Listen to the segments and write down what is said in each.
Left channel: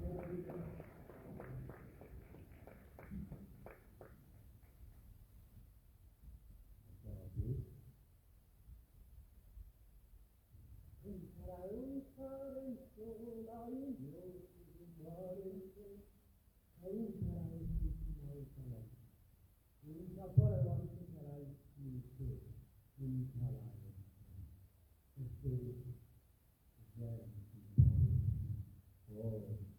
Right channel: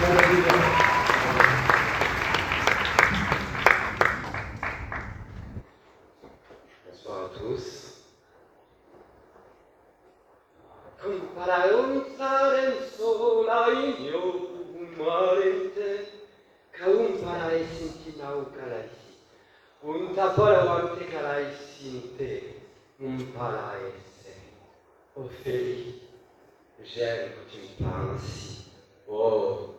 Bonsoir à tous. Compara un sarenzo la inyo umarente, kaumpara esinti nau kalaisi, un tapara wante kalaisinte, umpara esse. Ophélie, j'aime que tu me parles ainsi. Oh,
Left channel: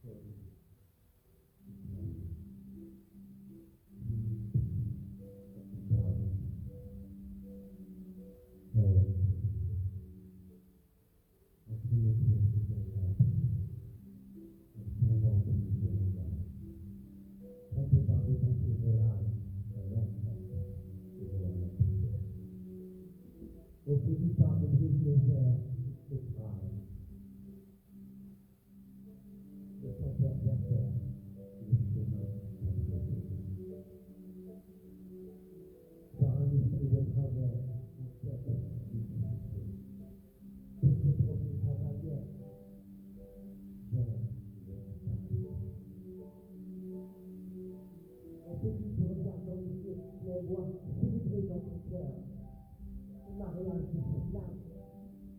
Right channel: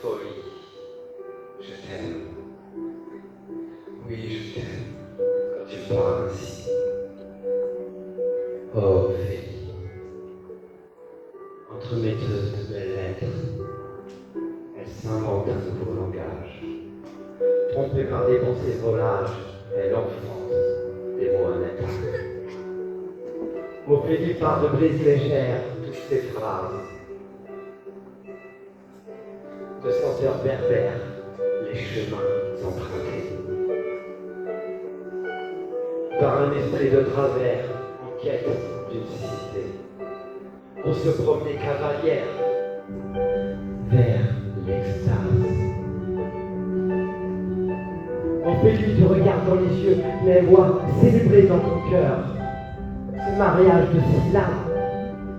folie, je t'aime. Oui, je t'aime quand tu me parles ainsi. Oh, Ophélie, entremetteuse de belles lettres, elle s'invente un nouveau langage. Trompée par des pensées volages, elle enfonce des mots honnêtes. Ophélie part de brise légère toutes ses phrases. De senteurs berbères, les chemins empruntés. Par un esprit de travers, en quête d'une cité. Pour se promener cavalière vers l'extase. Ophélie te regarde dans les yeux, les voix célébrer dans ton cœur. Ce mariage de syllabes,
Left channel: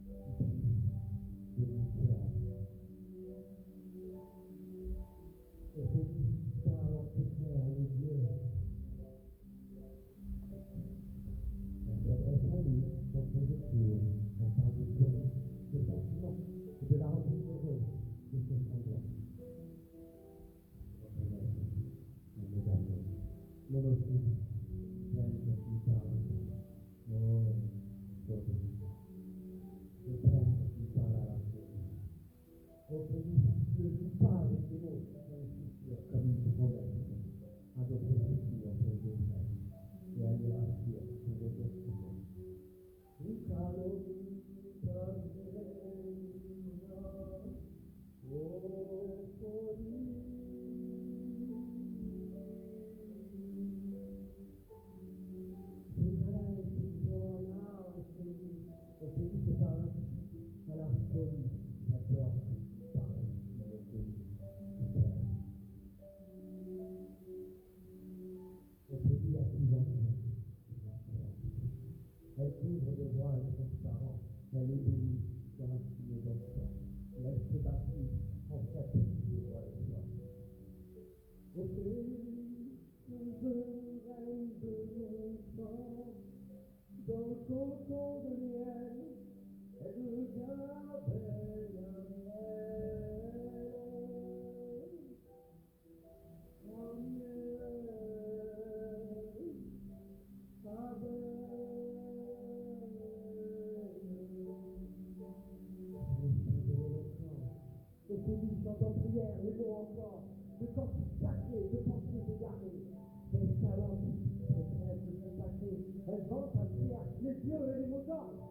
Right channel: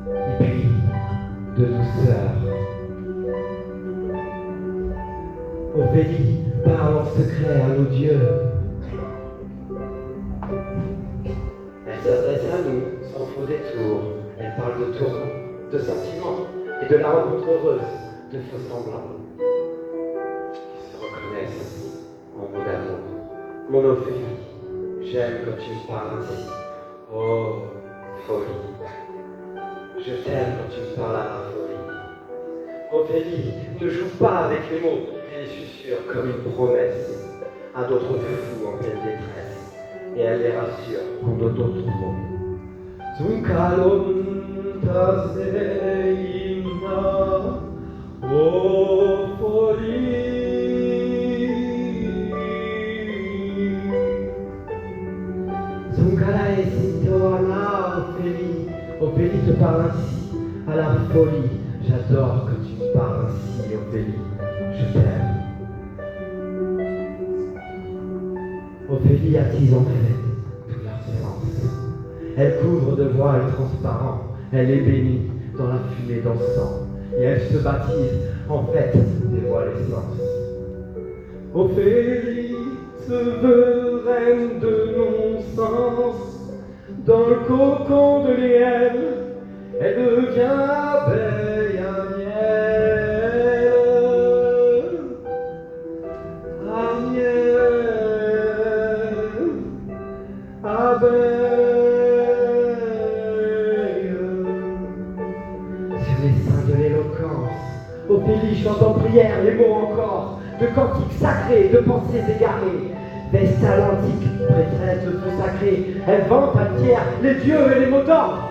et puis de douceur. Ophélie parle en secret à nos dieux. Elle s'adresse à nous sans faux détour. Elle parle de tourments, de sentiments et de la rencontre heureuse de faux semblants qui se reconnaissent en mots d'amour. Mon Ophélie, j'aime quand tu me parles ainsi. Oh, folie. Je t'aime quand tu me parles à la folie. Ophélie, ne joue pas avec les mots, elle les susurre comme une promesse à d'autres fous en pleine détresse, et elle les rassure en d'autres mots. Tunkalonta seina, oh folie. Tunkala esitoana, Ophélie. Ophélie te parle ainsi, à la folie. J'adore que tu me parles ainsi, Ophélie. Je t'aime. Ophélie attise en fait tout leur sens. Elle couvre de voiles transparents. Elle est bénie dans la fumée d'encens. Et elle se baptise en fait des voiles essences. Ophélie se veut reine de non-sens. Dans le cocon de liel, elle devient abeille à miel. À miel, abeille. Sur les seins de l'éloquence, Ophélie chante en prière les mots encore de cantiques sacrés, de pensées égarées. Vestale antique, prêtresse de feu sacré, elle vante à tiers les dieux et les mots d'ordre.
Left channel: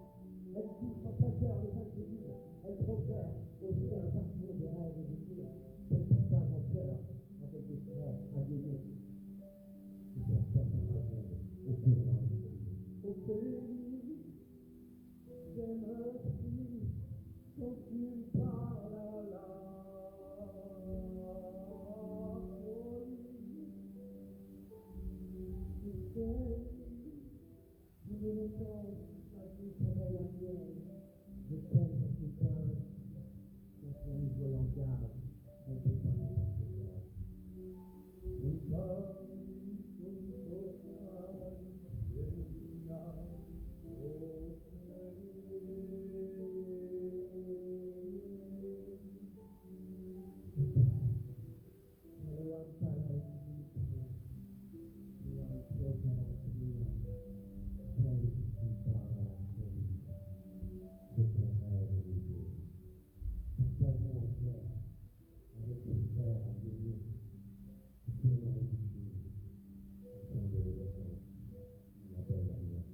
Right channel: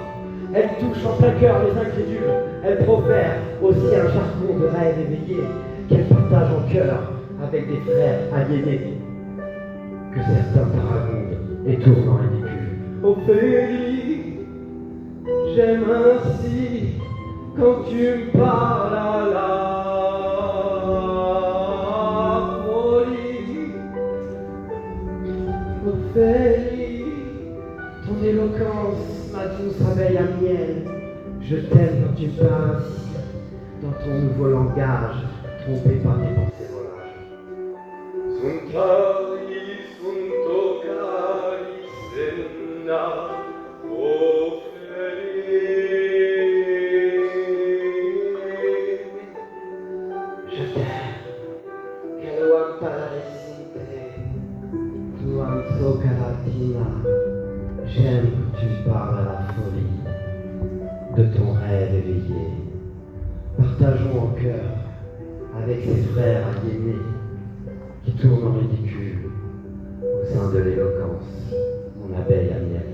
Elle touche en plein cœur les incrédules, elle profère aussi un jargon de rêve éveillé qu'elle partage en cœur avec des frères aliénés que certains paragondent et tournent en ridicule. Ophélie, j'aime ainsi quand tu me parles à la folie. Ophélie, ton éloquence, ma douce abeille à miel. Je t'aime quand tu me parles ainsi, dans ton nouveau langage, trompé par tes pensées volages. Suntai, suntokai, senna, je t'aime, Kaluam Pararesinte, Tuam Sokaratina. J'aime que tu me parles à la folie de ton rêve éveillé. Partageons en cœur avec ses frères aliénés qui tournent en ridicule au sein de l'éloquence, mon abeille à miel.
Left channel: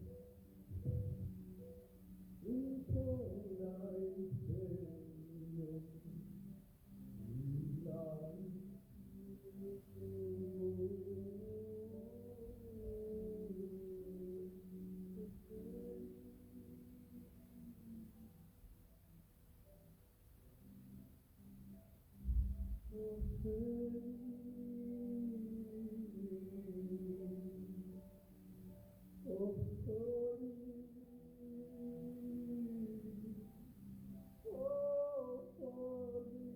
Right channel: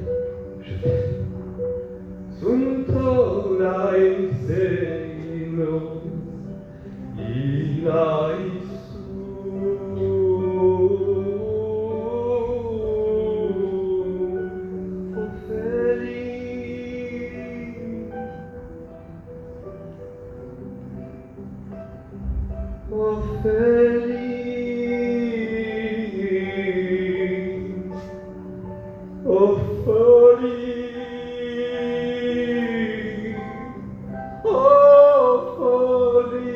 Je t'aime. Sunto lai seino, ilai Ophélie, oh folie, oh folie.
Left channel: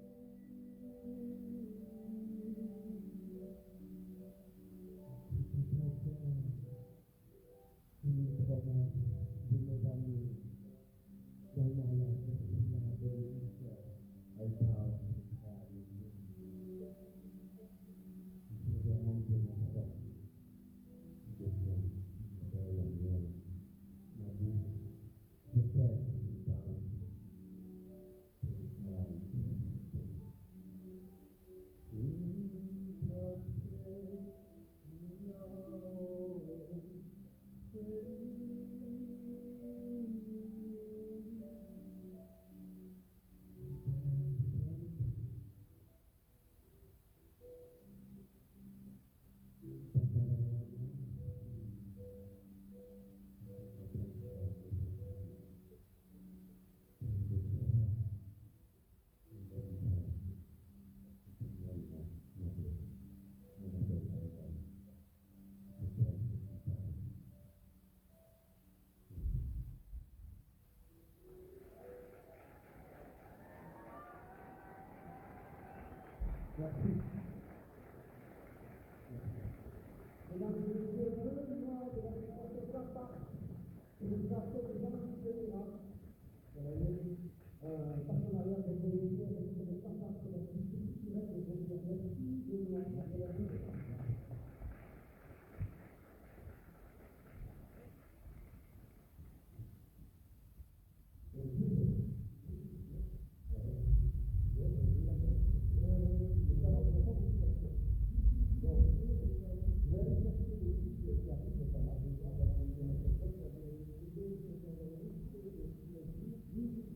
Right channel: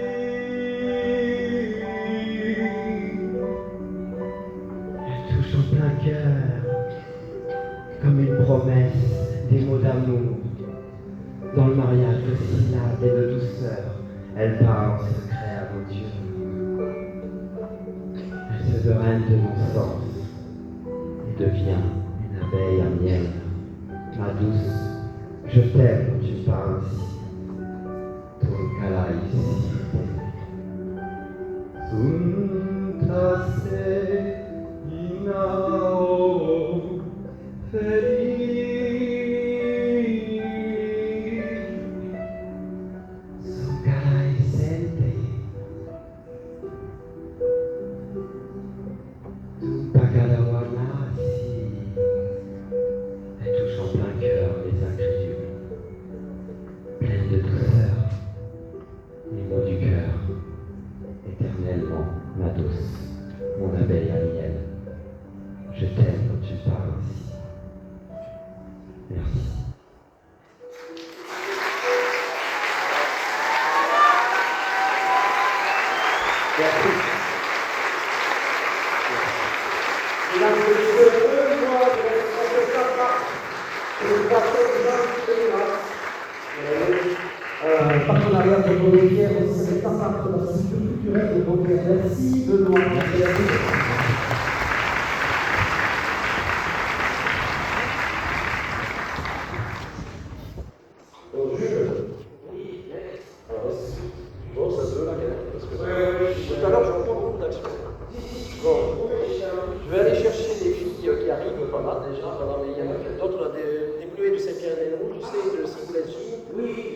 Elle touche en plein cœur, comme une promesse, des mots d'amour. Dans le mariage de syllabes et de douceur, elle parle en secret à mon Dieu. Elle se reine de mon sens et devient une abeille à miel. Ma douce, je t'aime quand tu parles ainsi. Ton calaïs. Suntasse inao feliz. Son calaisente. Tu pagalawanasi. Elle touche en plein cœur les incrédules, pleine de douceur, les mots du cœur, éternellement, ma douce, mon abeille à miel. Je t'aime quand tu parles ainsi. Merci. Merci. Mesdames et messieurs, moi, je vais chanter ça par une façon de partenariat de Beaucaire, c'est le Papa de la structure culturelle de Beaucaire. Merci Benoît. Bonjour. Bon, ça se veut la galère, parce que tout à l'heure, je vois pas beaucoup d'action. Bon, je vais aller chercher des filles qui arrivent pas mal déjà. Voilà, mais il y en a d'autres, des Bleus de Saint-Pierre-et-Rouge, tu sais, de Sigoulenji,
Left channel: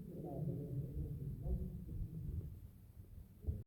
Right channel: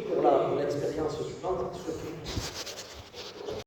pour l'expérience suivante, surtout.